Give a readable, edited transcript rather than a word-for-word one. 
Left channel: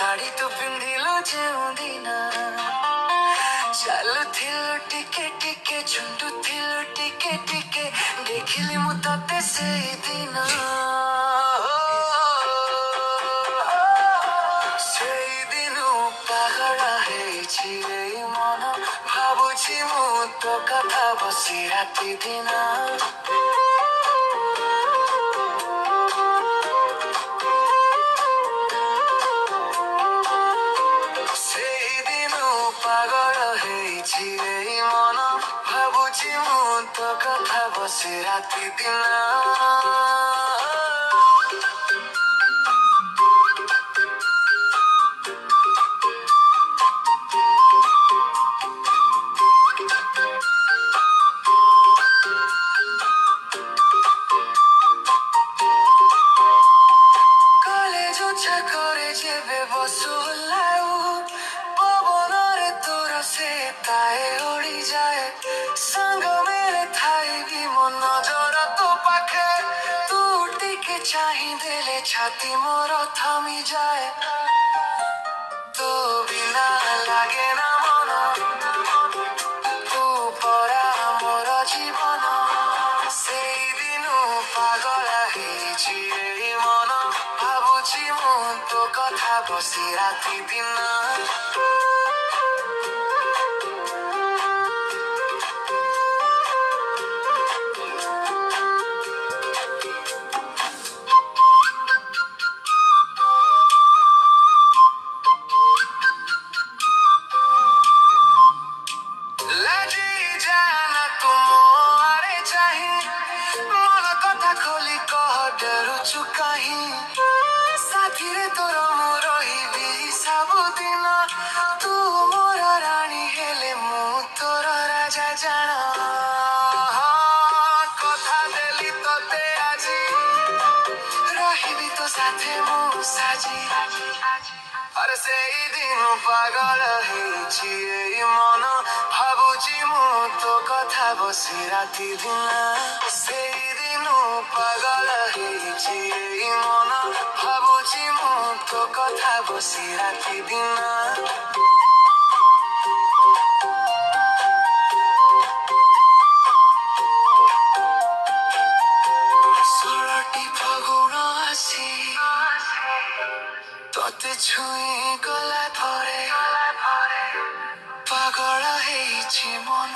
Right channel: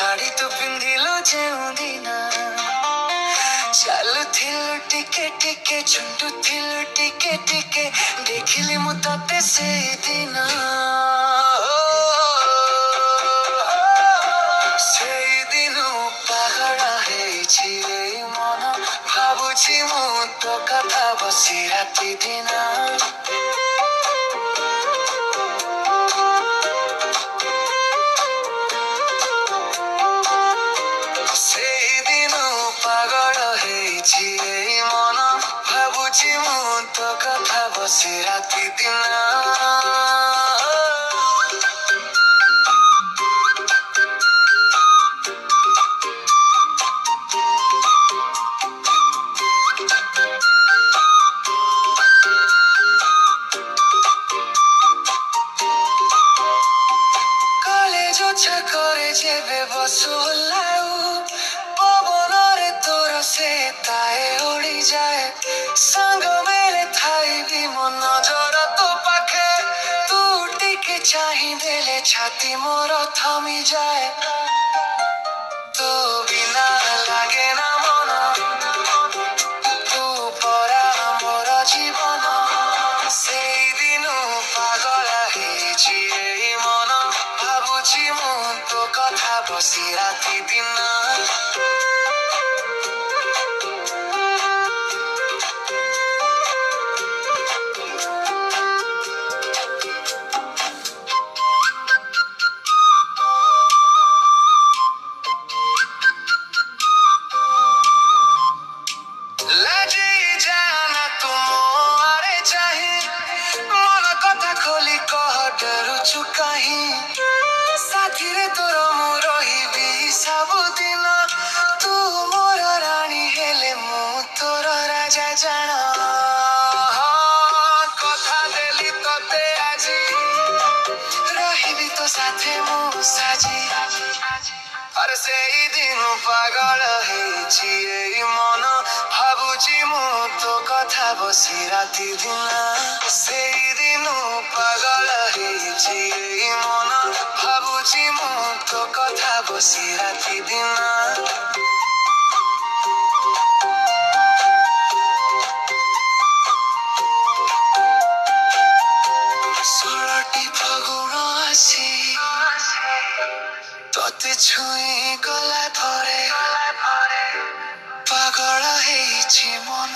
ଶାଢ଼ୀ ତୁ ପିନ୍ଧିଲୁ ଯେଉଁଦିନ ଚାଲୁଥିଲୁ ଟିକେ ଟିକେ ଝୁଣ୍ଟୁଥିଲୁ ଟିକେ ଟିକେ ଦେଖିଲି ମୁଁ ତତେ ସେଇଦିନ ସେଇଦିନ ପାଗଳ ହେଇଛି ଏଇ ମନ ଭାବୁଛି ମୁଁ ତୋ କଥା ବସି ରାତି ଦିନ ସେଇଦିନ ପାଗଳ ହେଇଛି ଏଇ ମନ ଭାବୁଛି ମୁଁ ତୋ କଥା ବସି ରାତି ଦିନ କଲେଜ ଛକରେ ଯେବେ ବସୁ ଓହ୍ଲାଉ ପବନରେ ତୋର ସେ ତାଏ ଉଡ଼ିଯାଏ ସାଙ୍ଗ ମେଳେ ଥାଇବି ମୋ ନଜର ତୋ ପାଖେ ତୁ ଟିକେ ଚାହିଁ ଦେଲେ ଛାତି ମୋର ଥମିଯାଏ ତୋ ବିନା ଲାଗେ ନା ମନ ତୁ ପରା ମୋର ଜୀବନ ସେଇଦିନ ପାଗଳ ହେଇଛି ଏଇ ମନ ଭାବୁଛି ମୁଁ ତୋ କଥା ବସି ରାତି ଦିନ ଲାଜି ଯାନା ତୁ ମୋ ଆଡ଼େ ଚାହିଁ ମନ କଥା ଖୋଲି କହ ଡରୁଛୁ କାହିଁ ସାଥିରେ ତୋର ମୁଁ ରହିବି ସବୁଦିନ ତୁ ମୋର ରାଣୀ ହେଲେ ମୁଁ ତୋର ରାଜା ଜାଣ କଥା ଦେଲି ତତେ ଆଜି ରହିବି ତୋ ସାଥେ ମୁଁ ସାଜି ଆରେ ସେଇଦିନ ପାଗଳ ହେଇଛି ଏଇ ମନ ଭାବୁଛି ମୁଁ ତୋ କଥା ବସି ରାତି ଦିନ ସେଇଦିନ ପାଗଳ ହେଇଛି ଏଇ ମନ ଭାବୁଛି ମୁଁ ତୋ କଥା ବସି ରାତି ଦିନ ଷୋଳଟି ଫଗୁଣ ଆସି ତତେ ଛୁଇଁ ଗଲା ପରେ ପାଗଳ ହେଇଛି ମନ